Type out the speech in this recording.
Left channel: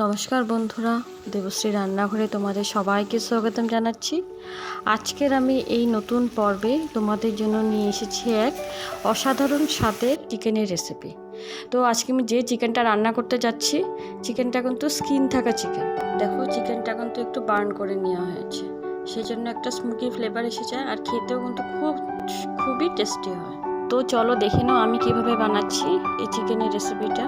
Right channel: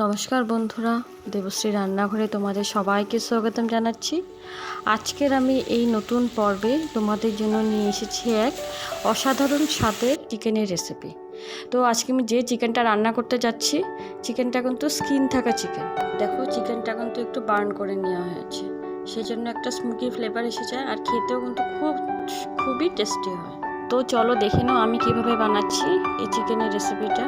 নমস্কার বন্ধুরা, দেবশ্রী রান্নাঘরে তোমাদের সবাইকে স্বাগতম জানাচ্ছি। আজকের আমি এই নতুন পর্বে তোমাদের জন্য নিয়ে এসেছি এক অসাধারণ স্বাদের চিকেনের রেসিপি। তো আজকে আমি যে চিকেনটা রান্না করতে যাচ্ছি, চিকেনটা কিন্তু স্কিন থাকা চিকেন। দেখো, চিকেনটা কিন্তু একটু বার্ন করে নেওয়া হয়েছে, সেজন্য একটা স্মোকি ফ্লেভার এসে যায় আর খেতেও কিন্তু খুবই টেস্টি হয়। তো চলো দেখে নাও আমি কিভাবে বানাচ্ছি এই চিকেনের রেসিপিটা।